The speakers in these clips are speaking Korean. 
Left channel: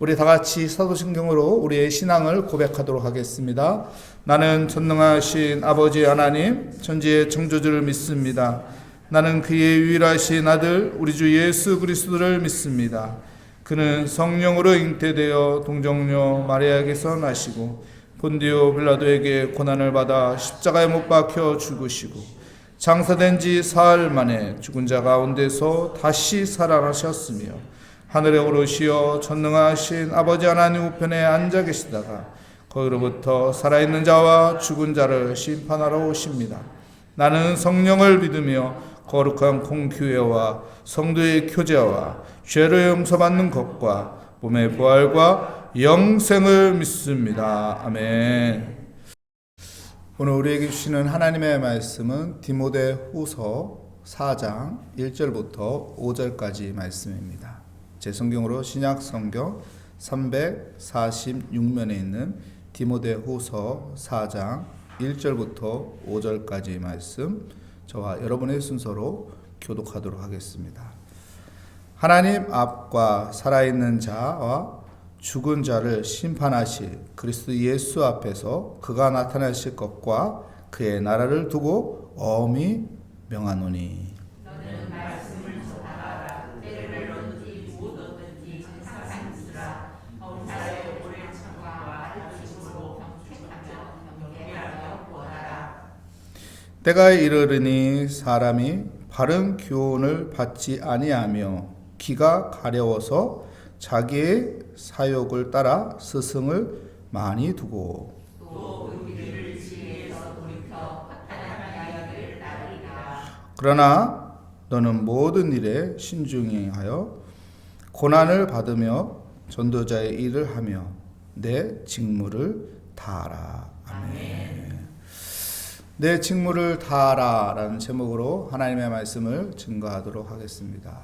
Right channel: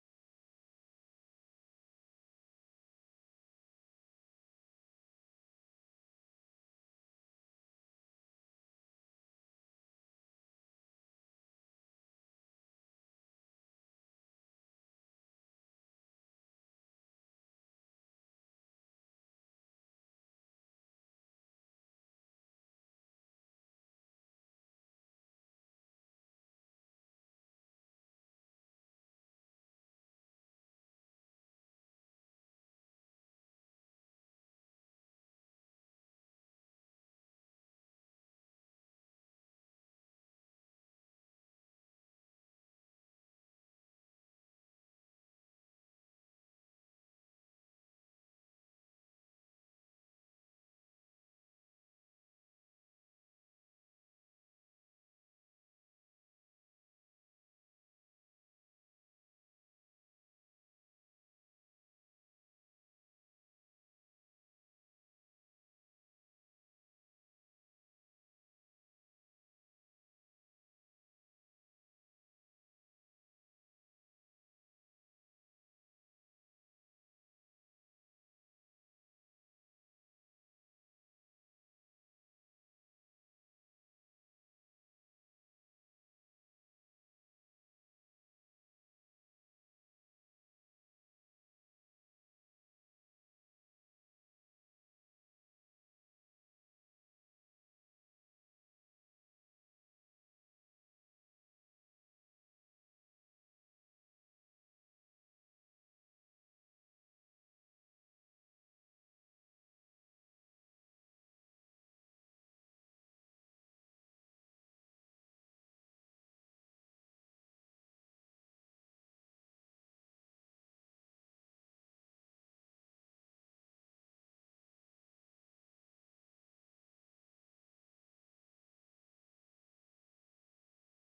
우리 다 같이 사도신경으로 우리의 신앙을 고백하도록 하겠습니다. 나는 전능하신 아버지 하나님, 천지의 창조주를 믿습니다. 나는 그의 유일하신 아들 우리 주 예수 그리스도를 믿습니다. 그는 성령으로 잉태되어 동정녀 마리아에게서 나시고 본디오 빌라도에게 고난을 받아 십자가에 못 박혀 죽으시고 장사된 지 사흘 만에 죽은 자 가운데서 다시 살아나셨으며 하늘에 오르시어 전능하신 아버지 하나님 우편에 앉아 계시다가 거기로부터 살아있는 자와 죽은 자를 심판하러 오십니다. 나는 성령을 믿으며 거룩한 공교회와 성도의 교제와 죄를 용서받는 것과 몸의 부활과 영생을 믿습니다. 아멘. 오늘 우리에게 주시는 하나님의 말씀은 디모데후서 4장 1절부터 5절까지 말씀입니다. 제 성경으로 신약 성경 346면에 있는 디모데후서 4장 1절부터 5절까지 말씀, 저와 여러분의 순서로 교독하도록 하겠습니다. 하나님 앞과 살아있는 자와 죽은 자를 심판하실 그리스도 예수 앞에서 그가 나타나실 것과 그의 나라를 두고 엄히 명하노니. 때가 이르르니 사람이 바른 교훈을 받지 아니하며 귀가 가려워서 자기의 사욕을 따라 스승을 많이 두고 그러나 너는 모든 일에 신중히 하여 고난을 받으며 전도자의 일을 하며 내 직무를 다하라. 아멘. 내 직무를 다하라 라는 제목으로 하나님의 말씀을 증거하도록 하겠습니다.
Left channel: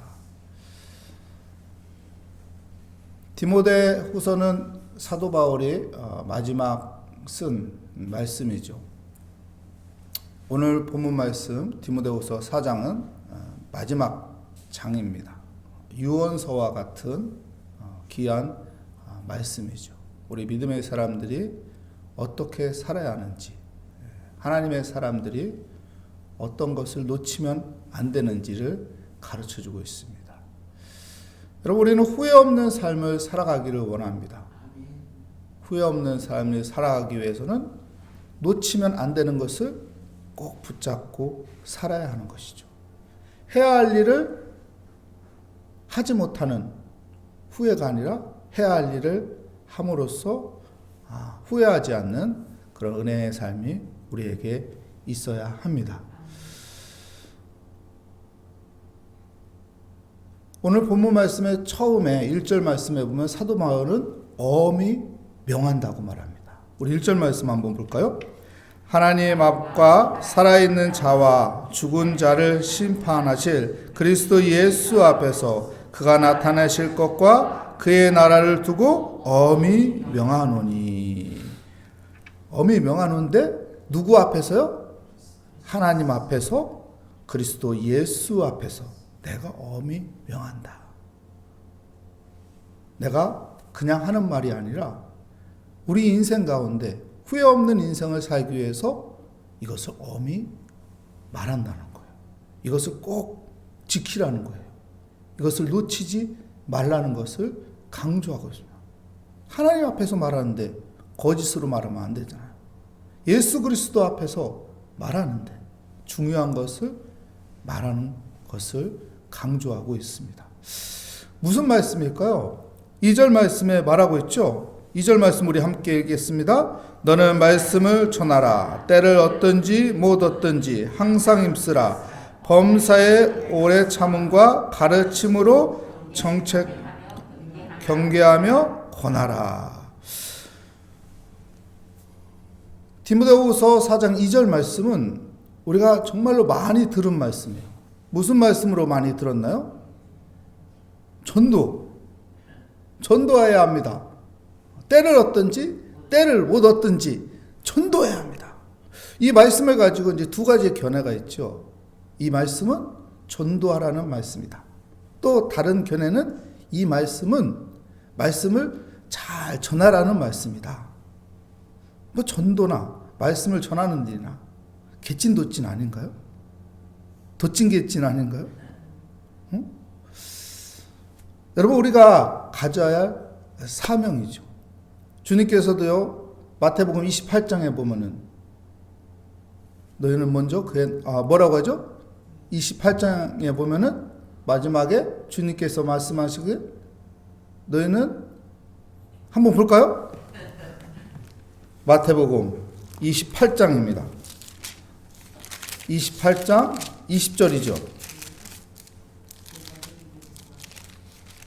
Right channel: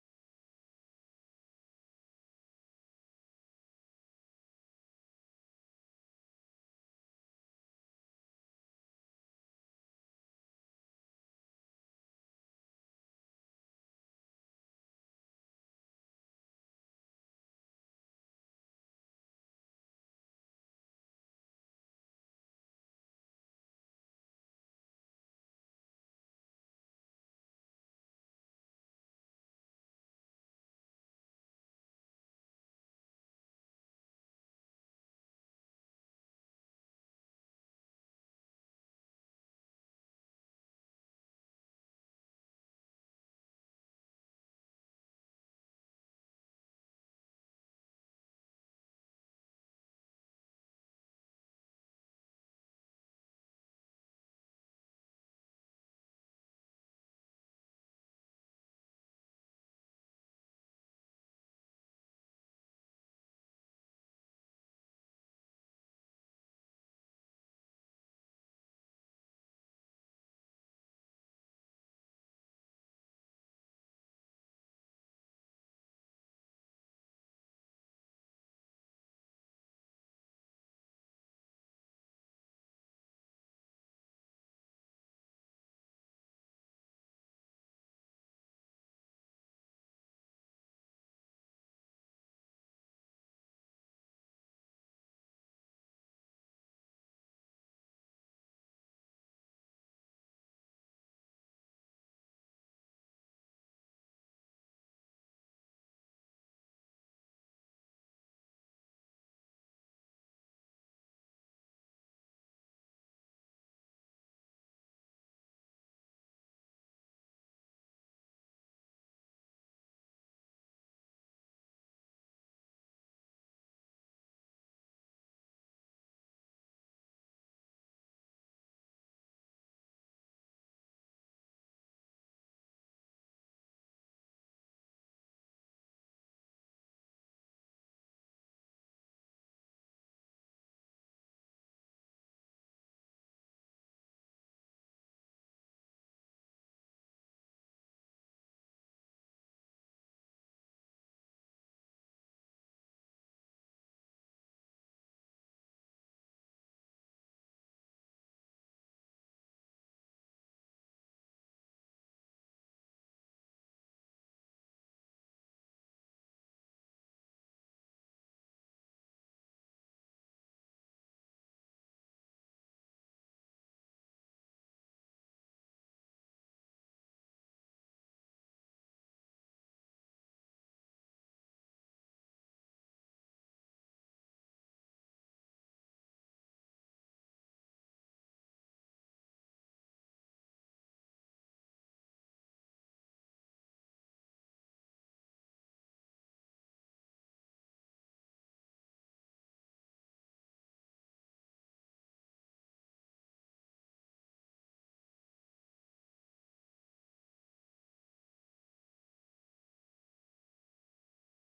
디모데후서는 사도 바울이 마지막 쓴 말씀이죠. 오늘 본문 말씀 디모데후서 4장은 마지막 장입니다. 유언서와 같은 귀한 말씀이죠. 우리 믿음의 사람들이 어떻게 살아야 하는지, 하나님의 사람들이 어떤 것을 놓치면 안 되는지를 가르쳐주고 있습니다. 여러분, 우리는 후회 없는 삶을 살아가기를 원합니다. 후회 없는 삶을 살아가기 위해서는 놓치면 안 되는 것을 꼭 붙잡고 살아야 하는 것이죠. 해야 할 일을 하지 못하는 후회가 아니라 해야 할 일을 함으로써 후회하지 않는 그런 은혜의 삶이 우리에게 있어야 합니다. 오늘 본문 말씀의 처음에 1절 말씀에 보면 사도 바울은 엄히 명한다고 말합니다. 우리 1절 말씀 한번 볼까요? 하나님 앞과 살아있는 자와 죽은 자를 심판하실 그리스도 예수 앞에서 그가 나타나실 것과 그의 나라를 두고 엄히 명하노니. 엄히 명하는데 누구 앞에서요? 하나님 앞에서, 그리스도 예수 앞에서 내가 엄히 명한다. 내가 그냥 하는 말이 아니라 우리 인생 가운데 후회 없는 인생을 살기 위해서 이것을 엄히 말한다는 거예요. 이것을 꼭 지키라는 거예요. 이것을 놓치지 말라는 것을 강조하고 있습니다. 하나님 앞에서 말하는데 거짓으로 말하면 안 되잖아요. 예수 그리스도 앞에서 말하는데 중요한 것을 말하는 것을 강조하고 있습니다. 무슨 말씀일까요? 2절 말씀에 말하고 있죠. 2절 말씀 우리 함께 읽겠습니다. 너는 말씀을 전하라. 때를 얻든지 못 얻든지 항상 힘쓰라. 범사에 오래 참음과 가르침으로 정책 경계하며 권하라. 디모데후서 4장 2절 말씀은 우리가 정말로 많이 들은 말씀이에요. 무슨 말씀으로 많이 들었나요? 전도해야 합니다. 때를 얻든지 때를 못 얻든지 전도해야 합니다. 이 말씀을 가지고 이제 두 가지의 견해가 있죠. 이 말씀은 전도하라는 말씀이다. 또 다른 견해는 이 말씀은 말씀을 잘 전하라는 말씀이다. 뭐 전도나 말씀을 전하는 일이나 개찐도찐 아닌가요? 도찐개찐 아닌가요? 응? 여러분, 우리가 가져야 할 사명이죠. 주님께서도요, 마태복음 28장에 보면은 너희는 먼저 뭐라고 하죠? 28장에 보면은 마지막에 주님께서 말씀하시기에 너희는 한번 볼까요? 마태복음 28장입니다. 28장 20절이죠.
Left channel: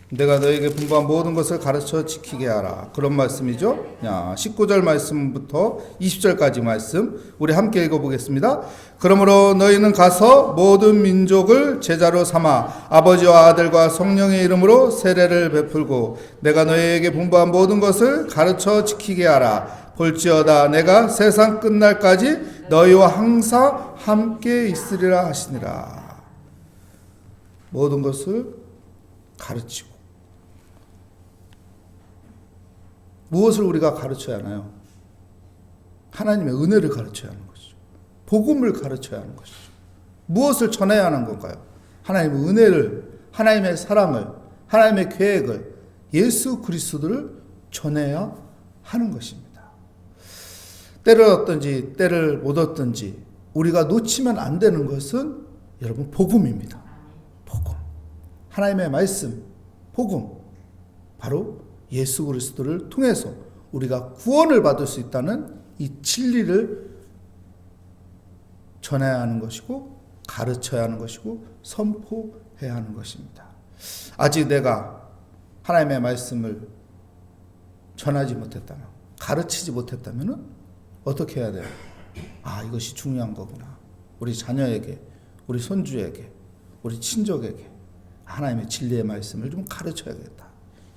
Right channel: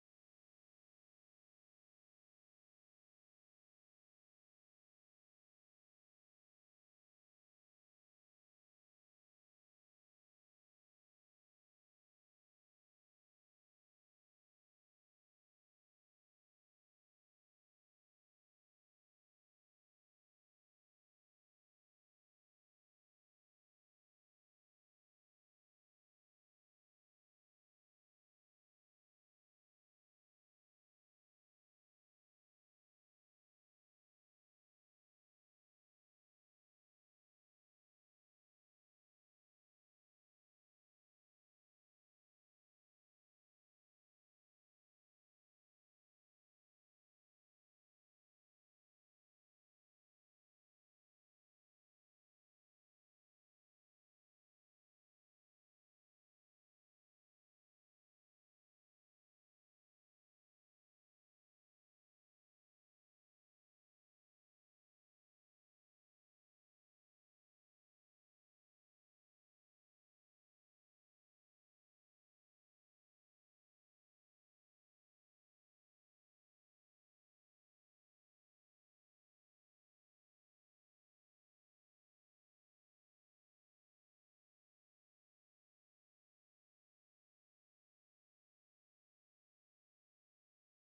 내가 너에게 분부한 모든 것을 가르쳐 지키게 하라. 그런 말씀이죠. 19절 말씀부터 20절까지 말씀 우리 함께 읽어보겠습니다. 그러므로 너희는 가서 모든 민족을 제자로 삼아 아버지와 아들과 성령의 이름으로 세례를 베풀고 내가 너희에게 분부한 모든 것을 가르쳐 지키게 하라. 볼지어다 내가 세상 끝날까지 너희와 항상 함께 있으리라 하시니라. 모든 것을 가르치고. 무엇을 우리가 가르쳐야 하나요? 하나님의 은혜를 가르쳐야 하는 것이죠. 복음을 가르쳐야 하는 것이죠. 무엇을 전해야 하는 건가요? 하나님의 은혜를, 하나님의 사랑을, 하나님의 계획을, 예수 그리스도를 전해야 하는 것입니다. 때를 얻든지 때를 못 얻든지 우리가 놓치면 안 되는 것은 여러분 복음입니다. 복음. 하나님의 말씀, 복음. 바로 예수 그리스도를 통해서 우리가 구원을 받을 수 있다는 이 진리를 전해야 하는 것이고 가르쳐야 하는 것이고 선포해야 하는 것입니다. 아직 내가 하나님의 말씀을 전하지 못했다면, 가르치지 못했다면 어떻게 해야 돼요? 이것이 중요한 거구나. 우리 자녀에게, 우리 손주에게, 우리 친족에게 하나님의 진리의 말씀을 좀 가르쳐야겠다.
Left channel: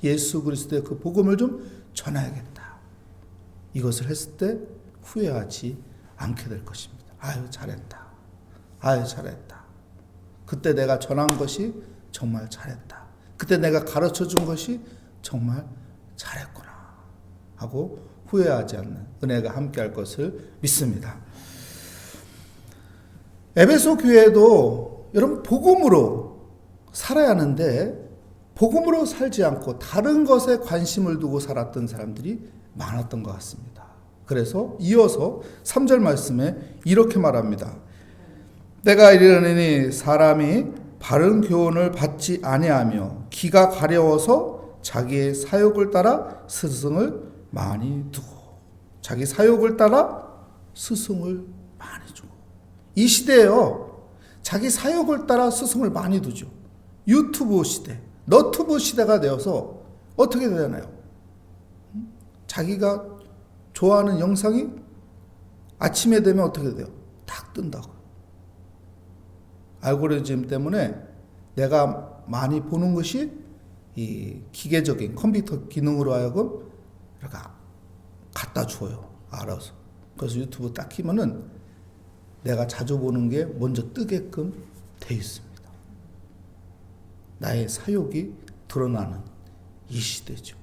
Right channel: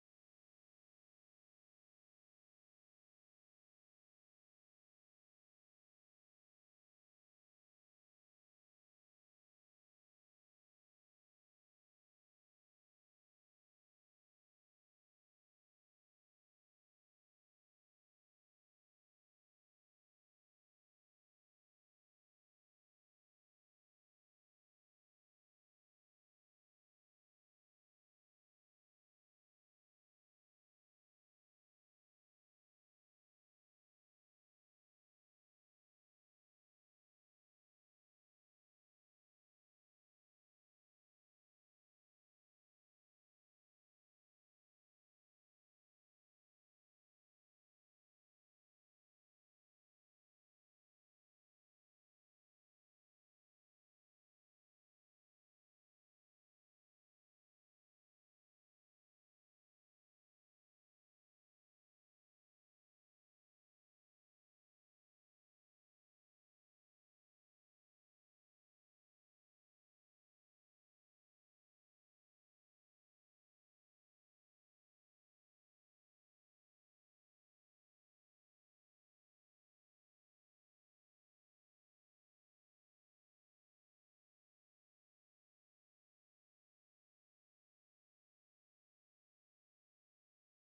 예수 그리스도의 그 복음을 좀 전해야겠다. 이것을 했을 때 후회하지 않게 될 것입니다. 잘했다. 잘했다. 그때 내가 전한 것이 정말 잘했다. 그때 내가 가르쳐 준 것이 정말 잘했구나 하고 후회하지 않는 은혜가 함께할 것을 믿습니다. 에베소 교회도 여러분 복음으로 살아야 하는데 복음으로 살지 않고 다른 것에 관심을 두고 살았던 사람들이 많았던 것 같습니다. 그래서 이어서 3절 말씀에 이렇게 말합니다. 때가 이르느니 사람이 바른 교훈을 받지 아니하며 귀가 가려워서 자기의 사욕을 따라 스승을 많이 두고, 자기 사욕을 따라 스승을 많이 주고. 이 시대에요, 자기 사욕을 따라 스승을 많이 두죠. 유튜브 시대, 너튜브 시대가 되어서 어떻게 되나요? 자기가 좋아하는 영상이 아침에 되면 어떻게 돼요? 딱 뜬다고. 알고리즘 때문에 내가 많이 보는 것이 이 기계적인 컴퓨터 기능으로 하여금 이렇게 갖다 줘요. 알아서. 그래서 유튜브 딱 키면은 내가 자주 보는 게 먼저 뜨게끔 돼 있습니다. 나의 사욕이 드러나는 이 시대죠.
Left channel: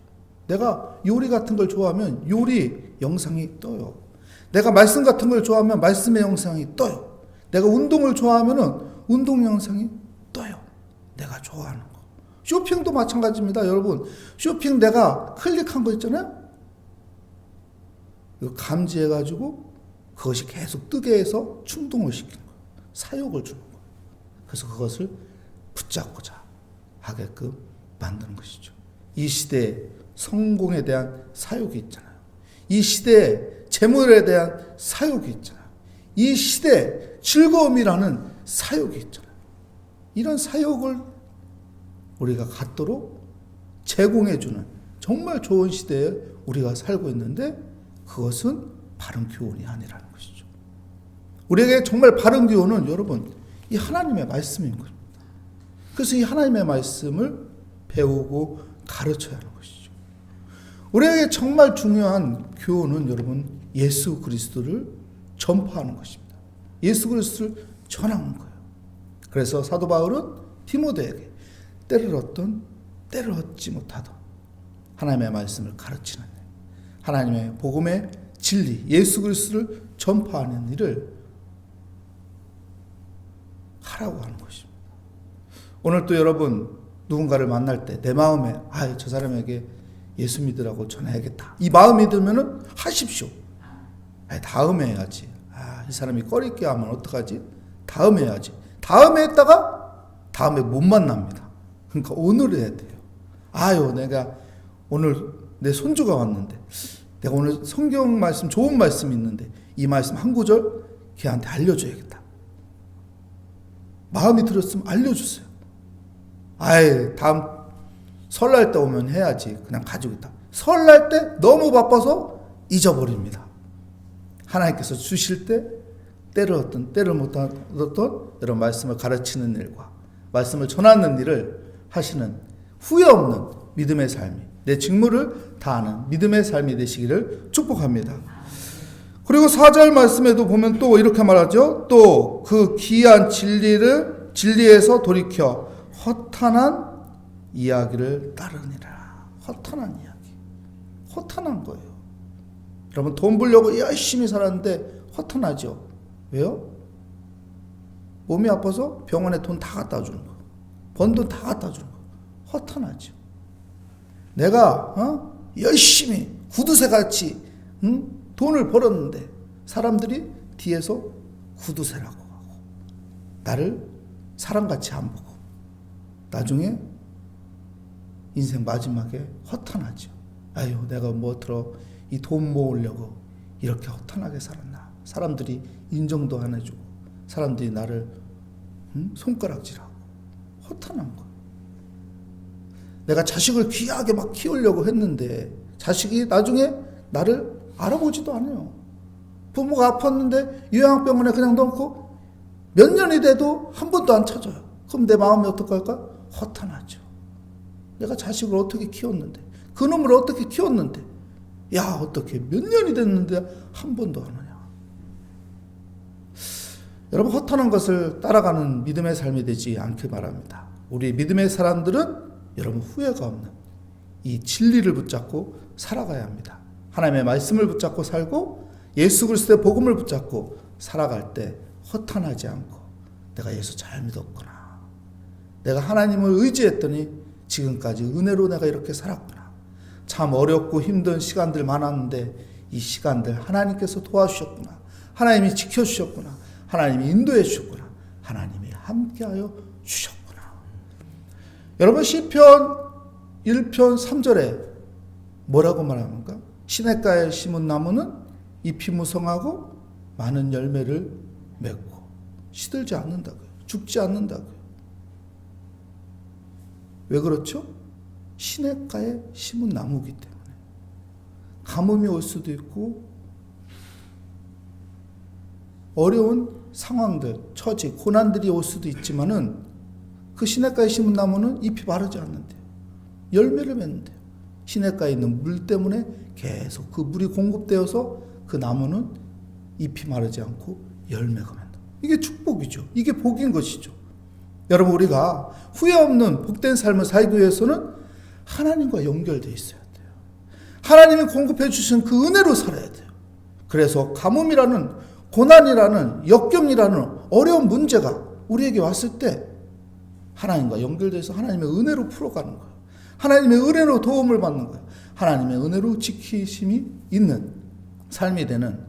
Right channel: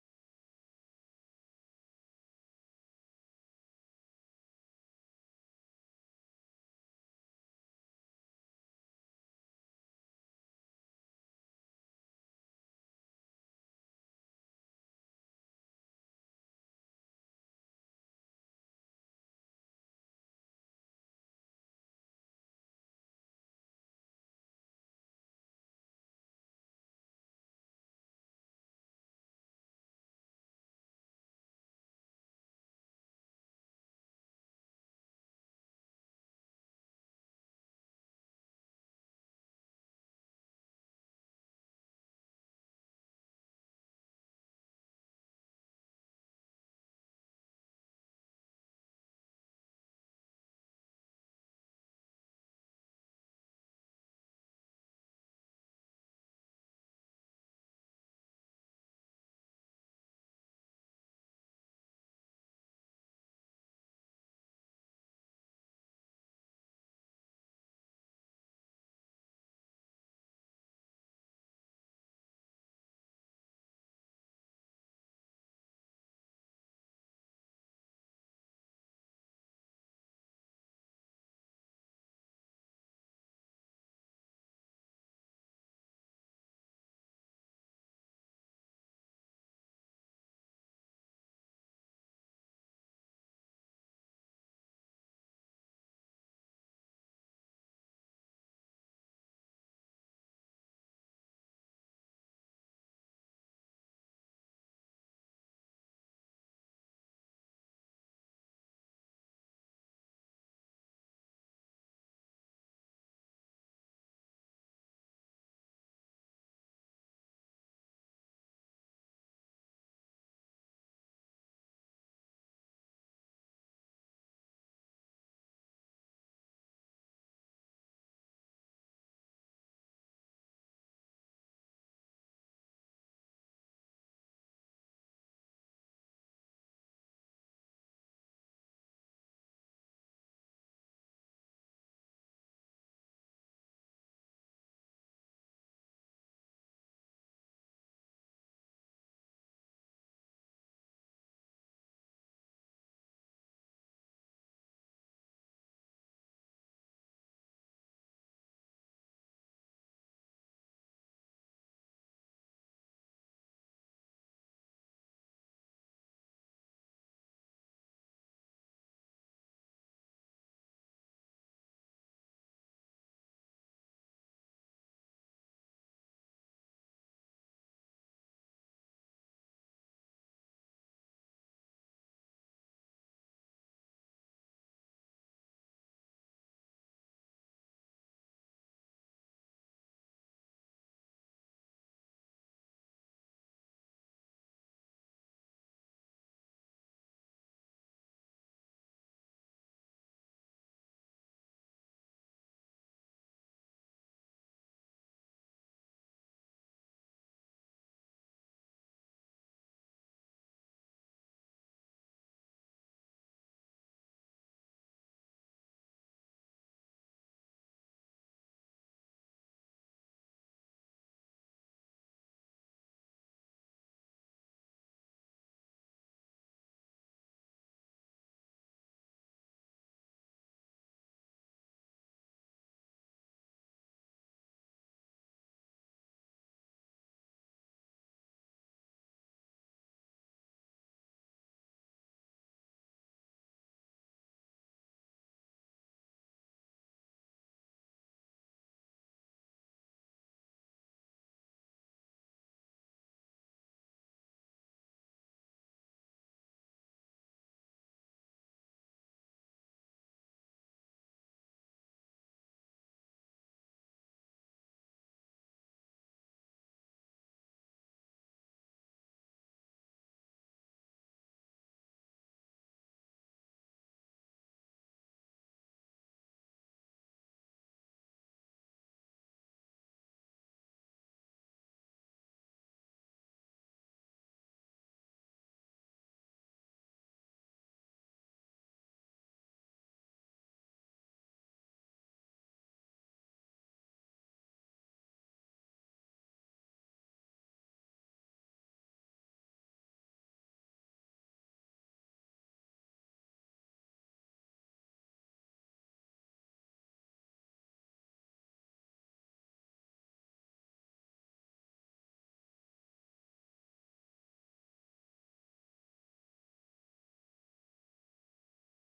내가 요리 같은 걸 좋아하면 요리 영상이 떠요. 내가 말씀 같은 걸 좋아하면 말씀의 영상이 떠요. 내가 운동을 좋아하면 운동 영상이 떠요. 내가 좋아하는 거. 쇼핑도 마찬가지입니다. 여러분, 쇼핑 내가 클릭한 거 있잖아요. 이거 감지해가지고 그것이 계속 뜨게 해서 충동을 시키는 거예요. 사욕을 주는 거예요. 그래서 그것을 붙잡고자 하게끔 만드는 것이죠. 이 시대에 성공에 대한 사욕이 있잖아요. 이 시대에 재물에 대한 사욕이 있잖아요. 이 시대에 즐거움이라는 사욕이 있잖아요. 이런 사욕을 우리가 갖도록 제공해주는 정말 좋은 시대에 우리가 살고 있는데 그것은 바른 교훈이 아니라는 것이죠. 우리에게 정말 바른 교훈은 여러분 이 하나님의 말씀인 겁니다. 그래서 이 하나님의 말씀을 배우고 가르쳐야 하는 것이죠. 우리에게 정말 중요한 교훈은 여러분 예수 그리스도를 전파하는 것입니다. 예수 그리스도를 전하는 거예요. 그래서 사도 바울은 디모데에게 때를 얻든 때를 얻지 못하든 하나님의 말씀을 가르치는 일, 하나님의 복음의 진리, 예수 그리스도를 전파하는 일을 하라고 하는 것입니다. 오늘 또 여러분 누군가를 만날 때 내 마음에 저 사람에게 예수 믿으라고 전해야겠다, 이 마음이 들면은 하십시오. 다음에 해야지. 이 사람이 꺼리게 하면 어떡하지? 다음에 해야지. 다음에 했다가 다음에 못 만납니다. 그러니까 오늘 해야 돼요. 내가 오늘 내 손주가 왔는데, 내가 오늘 성경 말씀, 좋은 말씀이 있는데 이 말씀 한 구절 걔한테 알려줘야겠다. 마음이 들었으면 알려주세요. 다음 설날 때 오면 해야지. 그냥 가지고 있다. 설날 때 너무 바빠서 잊어버립니다. 하나님께서 주실 때 때를 얻든 때를 못 얻던 이런 말씀을 가르치는 일과 말씀을 전하는 일을 하시는 후회 없는 믿음의 삶이, 내 직무를 다하는 믿음의 삶이 되시기를 축복합니다. 그리고 4절 말씀에도 보면 또 이렇게 말하죠. 또 그 귀한 진리에서 돌이켜 허탄한 이야기를 따르니라. 허탄한 이야기. 허탄한 거예요. 여러분 돈 벌려고 열심히 살았는데 허탄하죠. 왜요? 몸이 아파서 병원에 돈 다 갖다 주는 거. 번 돈 다 갖다 주는 거. 허탄하죠. 내가 열심히 구두쇠같이 돈을 벌었는데 사람들이 뒤에서 구두쇠라고 하고 나를 사람같이 안 보고 나중에 인생 마지막에 허탄하죠. 내가 이 돈 모으려고 이렇게 허탄하게 살았나. 사람들이 인정도 안 해주고 사람들이 나를 손가락질하고 허탄한 거. 내가 자식을 귀하게 막 키우려고 했는데 자식이 나중에 나를 알아보지도 않아요. 부모가 아팠는데 요양병원에 그냥 넣고 몇 년이 돼도 한 번도 안 찾아요. 그럼 내 마음이 어떡할까? 허탄하죠. 내가 자식을 어떻게 키웠는데, 그놈을 어떻게 키웠는데, 어떻게 몇 년이 됐는데 한 번도 안 오냐. 여러분 허탄한 것을 따라가는 믿음의 삶이 되지 않길 바랍니다. 우리 믿음의 사람들은 여러분 후회가 없는 이 진리를 붙잡고 살아가야 합니다. 하나님의 말씀을 붙잡고 살고 예수 그리스도의 복음을 붙잡고 살아갈 때 허탄하지 않고 내가 예수 잘 믿었구나. 내가 하나님을 의지했더니 지금까지 은혜로 내가 이렇게 살았구나. 참 어렵고 힘든 시간들 많았는데 이 시간들 하나님께서 도와주셨구나. 하나님이 지켜주셨구나. 하나님이 인도해 주셨구나. 하나님이 함께하여 주셨구나. 여러분 시편 1편 3절에 뭐라고 말합니까? 시냇가에 심은 나무는 잎이 무성하고 많은 열매를 맺고 시들지 않는다고요. 죽지 않는다고요. 왜 그렇죠? 시냇가에 심은 나무이기 때문에. 가뭄이 올 수도 있고 어려운 상황들, 처지, 고난들이 올 수도 있지만은 그 시냇가에 심은 나무는 잎이 마르지 않는데요. 열매를 맺는데요. 시냇가에 있는 물 때문에 계속 그 물이 공급되어서 그 나무는 잎이 마르지 않고 열매가 맺는다. 이게 축복이죠. 이게 복인 것이죠. 여러분 우리가 후회 없는 복된 삶을 살기 위해서는 하나님과 연결되어 있어야 돼요. 하나님이 공급해 주신 그 은혜로 살아야 돼요. 그래서 가뭄이라는 고난이라는 역경이라는 어려운 문제가 우리에게 왔을 때 하나님과 연결돼서 하나님의 은혜로 풀어가는 거예요. 하나님의 은혜로 도움을 받는 거예요. 하나님의 은혜로 지키심이 있는 삶이 되는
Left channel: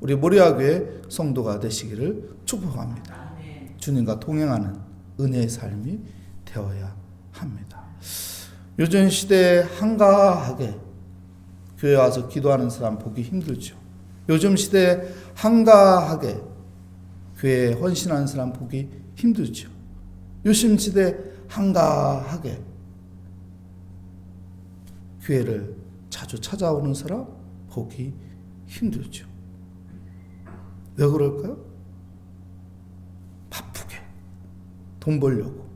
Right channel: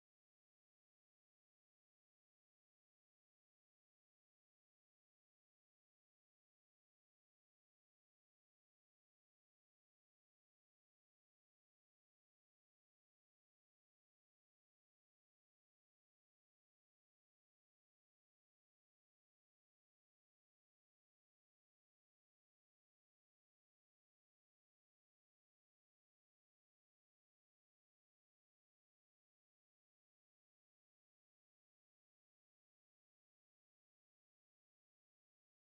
우리 모리아교회 성도가 되시기를 축복합니다. 주님과 동행하는 은혜의 삶이 되어야 합니다. 요즘 시대에 한가하게 교회 와서 기도하는 사람 보기 힘들죠. 요즘 시대에 한가하게 교회에 헌신하는 사람 보기 힘들죠. 요즘 시대에 한가하게 교회를 자주 찾아오는 사람 보기 힘들죠. 왜 그럴까요? 바쁘게 돈 벌려고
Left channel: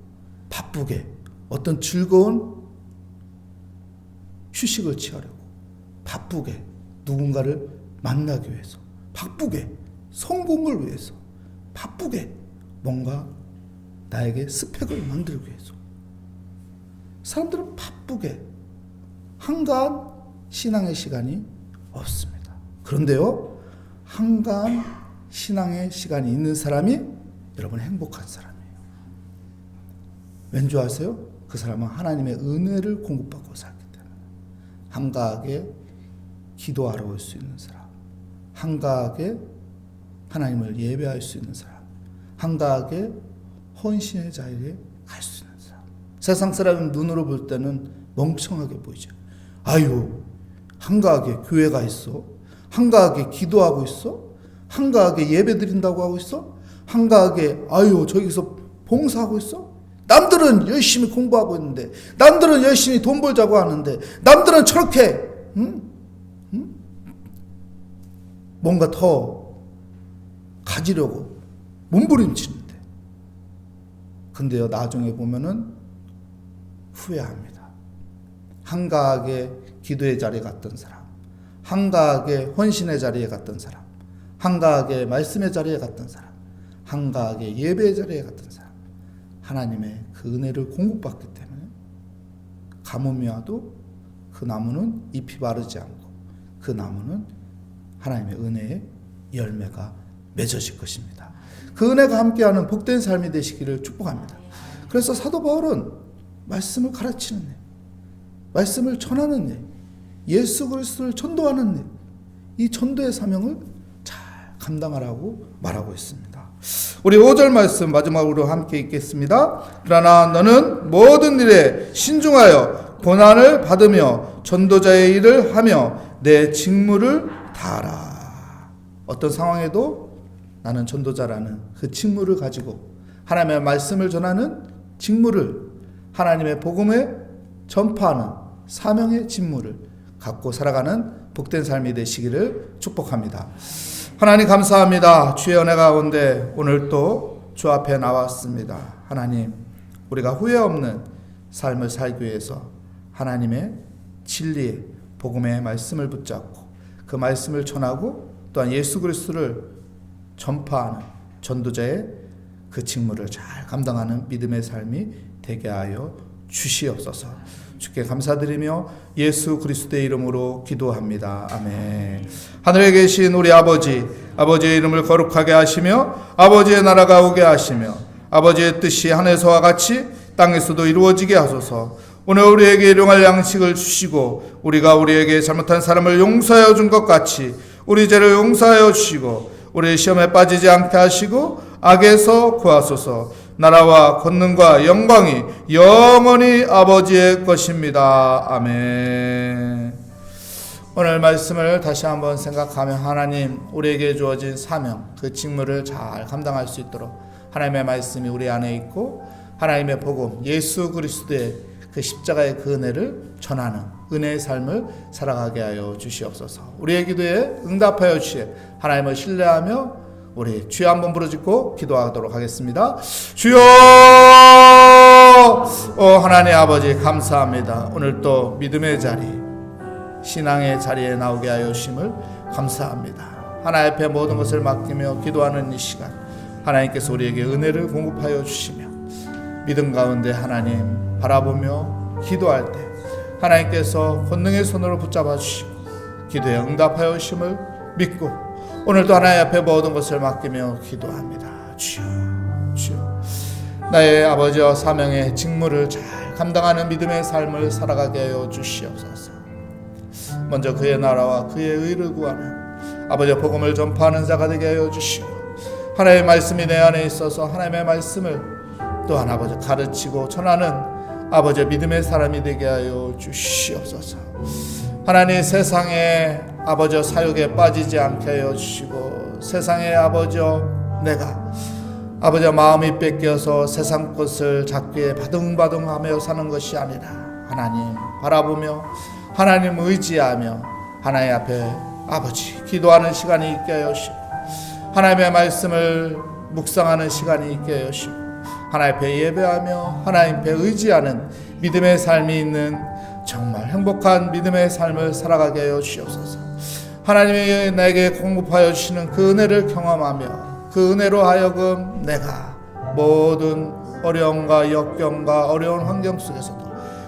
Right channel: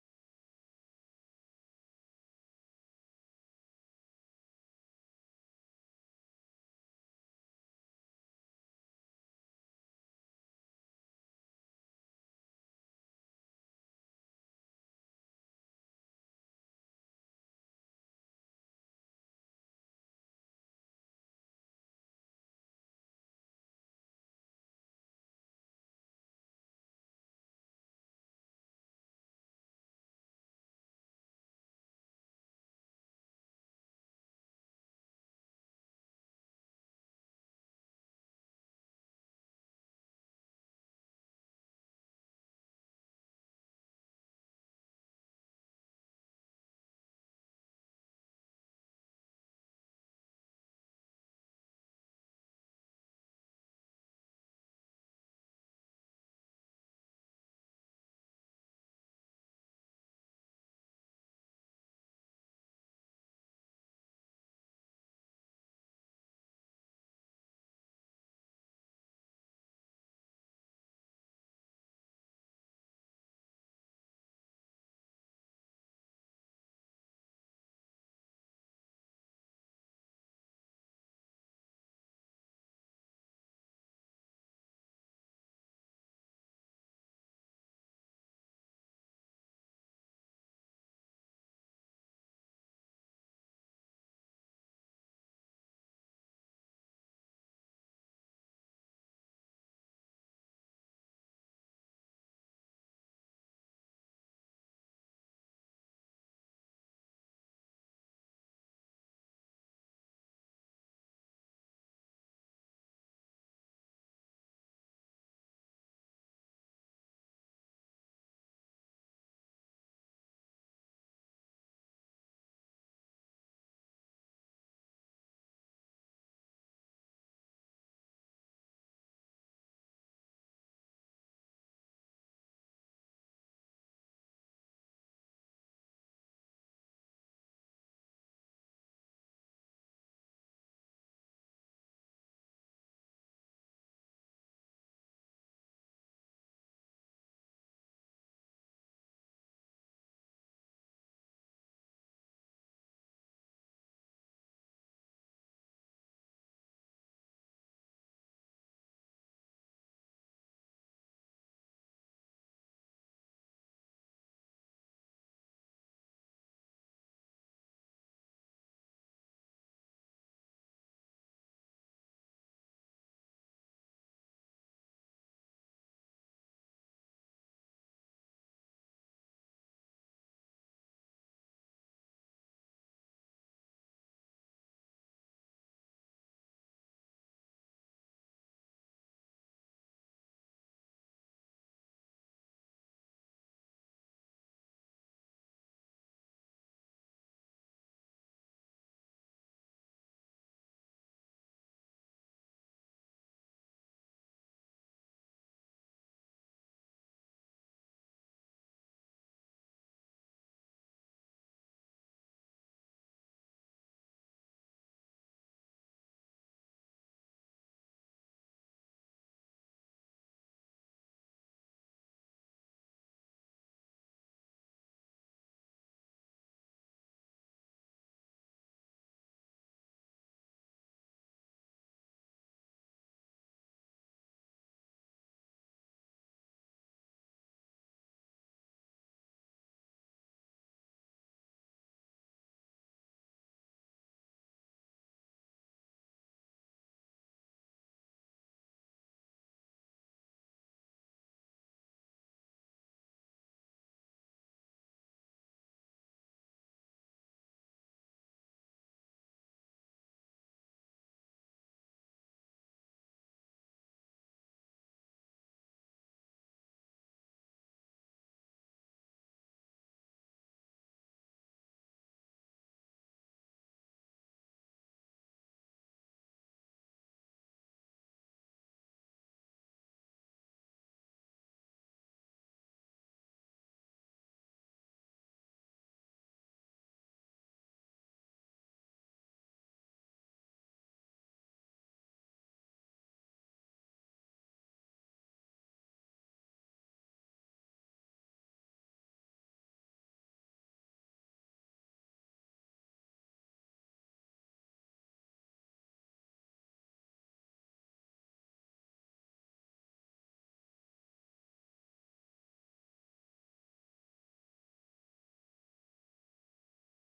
바쁘게 어떤 즐거운 휴식을 취하려고 바쁘게 누군가를 만나기 위해서 바쁘게 성공을 위해서 바쁘게 뭔가 나에게 스펙을 만들기 위해서 사람들은 바쁘게 한가한 신앙의 시간이 없습니다. 그런데요, 한가한 신앙의 시간이 있는 사람이 여러분 행복한 사람이에요. 왠지 아세요? 그 사람은 하나님의 은혜를 공급받고 살기 때문에. 한가하게 기도하러 올 수 있는 사람, 한가하게 하나님을 예배할 수 있는 사람, 한가하게 헌신의 자리에 갈 수 있는 사람. 세상 사람 눈으로 볼 때는 멍청하게 보이죠. 아유, 한가하게 교회가 있어? 한가하게 기도하고 있어? 한가하게 예배 드린다고 하고 있어? 한가하게 아유 저기서 봉사하고 있어? 남들은 열심히 공부하고 있는데, 남들은 열심히 돈 벌자고 하는데, 남들은 저렇게 뭔가 더 가지려고 몸부림치는데, 근데요 나중에 보면은 후회합니다. 한가하게 기도의 자리에 갔던 사람, 한가하게 헌신의 자리에 갔던 사람, 한가하게 말씀의 자리에 갔던 사람, 한가하게 예배의 자리에 갔던 사람, 하나님의 그 은혜를 공급받기 때문에 가뭄이 와도 그 나무는 잎이 마르지 않고 그 나무는 하나님의 은혜의 열매가 맺어질 것입니다. 그 은혜가 함께하는 복된 삶이 되시기를 축복합니다. 그래서 사도 바울은 말씀을 가르치는 일, 말씀을 전하는 일, 예수 그리스도를 전도하는 일, 이 전도의 사명을 잘 감당하라고 말하고 있습니다. 우리 5절 말씀 마지막으로 함께 읽겠습니다. 그러나 너는 모든 일에 신중하여 고난을 받으며 전도자의 일을 하며 내 직무를 다하라. 어떤 상황에도 나는 전도자라는 그 직무를 가지고 하나님의 말씀을 전하는 직무를, 하나님의 복음을 전파하는 사명의 직무를 갖고 살아가는 복된 삶이 되시기를 축복합니다. 하나님 감사합니다. 주의 은혜 가운데 오늘 또 주 앞에 나왔습니다. 하나님, 우리가 후회 없는 삶을 살기 위해서 하나님의 진리의 복음의 말씀을 붙잡고 그 말씀을 전하고 또한 예수 그리스도를 전파하는 전도자의 그 직무를 잘 감당하는 믿음의 삶이 되게 하여 주시옵소서. 주께 감사드리며 예수 그리스도의 이름으로 기도합니다. 아멘. 하늘에 계신 우리 아버지, 아버지의 이름을 거룩하게 하시며 아버지의 나라가 오게 하시며 아버지의 뜻이 하늘에서와 같이 땅에서도 이루어지게 하소서. 오늘 우리에게 일용할 양식을 주시고 우리가 우리에게 잘못한 사람을 용서하여 준 것 같이 우리 죄를 용서하여 주시고 우리 시험에 빠지지 않게 하시고 악에서 구하소서. 나라와 권능과 영광이 영원히 아버지의 것입니다. 아멘. 오늘 말씀을 다시 한번 생각하며 하나님, 우리에게 주어진 사명, 그 직무를 잘 감당할 수 있도록 하나님의 말씀이 우리 안에 있고 하나님의 복음, 예수 그리스도의 그 십자가의 그 은혜를 전하는 은혜의 삶을 살아가게 하여 주시옵소서. 우리의 기도에 응답하여 주실 하나님을 신뢰하며 우리 주여 한번 부르짖고 기도하도록 하겠습니다. 주여, 하나님 아버지 감사합니다. 오늘 또 믿음의 자리, 신앙의 자리에 나오게 하여 주심을 감사합니다. 하나님 앞에 모든 것을 맡기며 기도하는 이 시간, 하나님께서 우리에게 은혜를 공급하여 주시며 믿음 가운데 하나님 바라보며 기도할 때 하나님께서 권능의 손으로 붙잡아 주시고 기도에 응답하여 주심을 믿고 오늘도 하나님 앞에 모든 것을 맡기며 기도합니다. 주여, 주여, 나의 아버지와 사명의 직무를 잘 감당하는 믿음의 삶을 살아가게 하여 주시옵소서. 먼저 그의 나라와 그의 의를 구하는 아버지의 복음을 전파하는 자가 되게 하여 주시고 하나님의 말씀이 내 안에 있어서 하나님의 말씀을 또한 아버지 가르치고 전하는 아버지의 믿음의 사람이 되게 하여 주시옵소서. 하나님, 세상에 아버지여 사욕에 빠지지 않게 하여 주시고 세상에 아버지여 내가 아버지여 마음이 뺏겨서 세상 것을 잡기에 바둥바둥하며 사는 것이 아니라 하나님 바라보며 하나님 의지하며 하나님 앞에 아버지 기도하는 시간이 있게 하여 주시고 하나님의 말씀을 묵상하는 시간이 있게 하여 주시고 하나님 앞에 예배하며 하나님 앞에 의지하는 믿음의 삶이 있는 정말 행복한 믿음의 삶을 살아가게 하여 주시옵소서. 하나님이 나에게 공급하여 주시는 그 은혜를 경험하며 그 은혜로 하여금 내가 모든 어려움과 역경과 어려운 환경 속에서도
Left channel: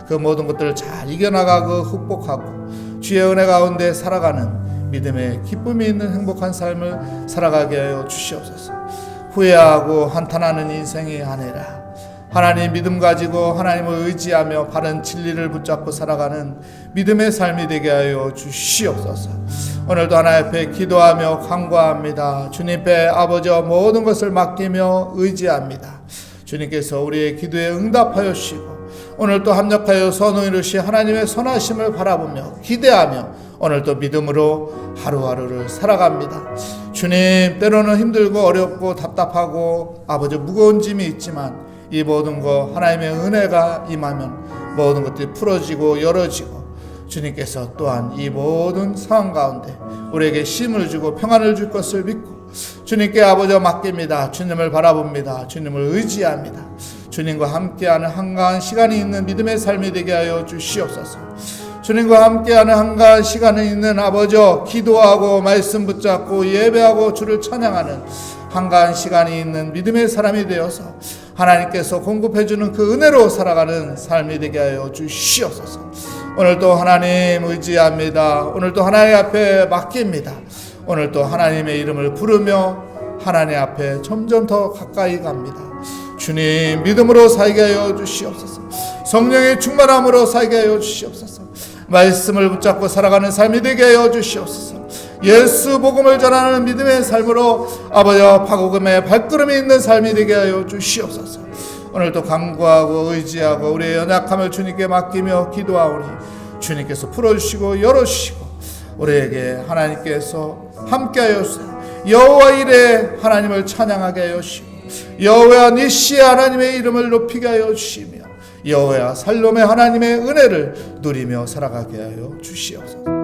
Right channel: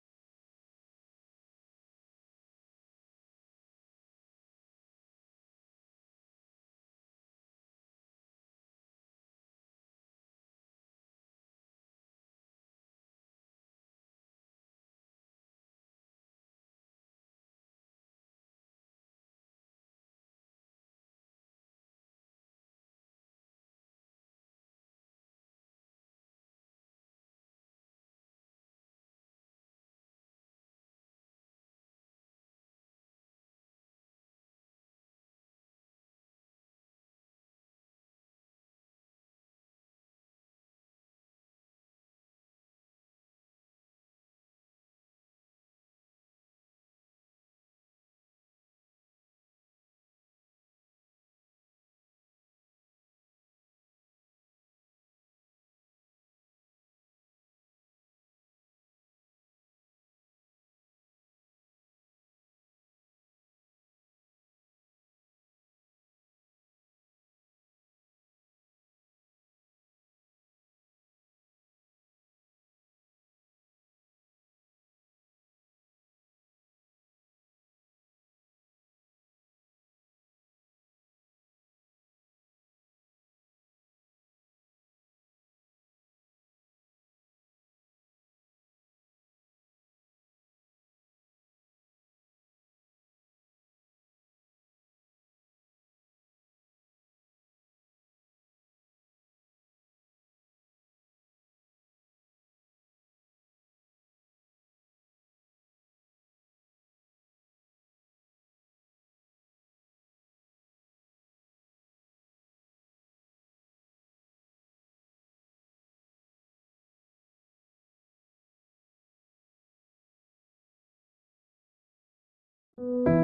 그 모든 것들을 잘 이겨나가고 극복하고 주의 은혜 가운데 살아가는 믿음의 기쁨이 있는 행복한 삶을 살아가게 하여 주시옵소서. 후회하고 한탄하는 인생이 아니라 하나님 믿음 가지고 하나님을 의지하며 바른 진리를 붙잡고 살아가는 믿음의 삶이 되게 하여 주시옵소서. 오늘도 하나님 앞에 기도하며 간구합니다. 주님께 아버지와 모든 것을 맡기며 의지합니다. 주님께서 우리의 기도에 응답하여 주시고 오늘도 합력하여 선을 이루시 하나님의 선하심을 바라보며 기대하며 오늘도 믿음으로 하루하루를 살아갑니다. 주님, 때로는 힘들고 어렵고 답답하고 아버지 무거운 짐이 있지만 이 모든 것 하나님의 은혜가 임하면 모든 것들이 풀어지고 열어지고 주님께서 또한 이 모든 상황 가운데 우리에게 힘을 주고 평안을 줄 것을 믿고 주님께 아버지와 맡깁니다. 주님을 바라봅니다. 주님을 의지합니다. 주님과 함께하는 한가한 시간이 있는 믿음의 삶이 되게 하여 주시옵소서. 주님과 함께하는 한가한 시간이 있는 아버지여, 기도하고 말씀 붙잡고 예배하고 주를 찬양하는 한가한 시간이 있는 믿음의 사람이 되어서 하나님께서 공급해주는 그 은혜로 살아가는 삶이 되게 하여 주시옵소서. 오늘도 하나님 의지합니다. 오늘도 하나님 앞에 맡깁니다. 오늘도 하나님의 이름을 부르며 하나님 앞에 점점 더 가까이 갑니다. 주님, 믿음으로 살게 하여 주시옵소서. 성령의 충만함으로 살게 하여 주시옵소서. 말씀을 붙잡고 살아가는 삶이 되게 하여 주시옵소서. 예수 복음을 전하는 믿음의 삶으로 아버지와 파국음의 발걸음이 있는 삶이 되게 하여 주시옵소서. 오늘도 간구하고 의지하고 우리의 연약함을 주님께 맡기며 기도하오니 주님께서 풀어주시고 열어주시고 우리에게 하나님께서 함께하여 주세요. 여호와 이레 하나님을 찬양하게 하여 주시고 여호와 니시 하나님의 이름을 높이게 하여 주시며 여호와 살롬의 하나님의 은혜를 누리며 살아가게 하여 주시옵소서.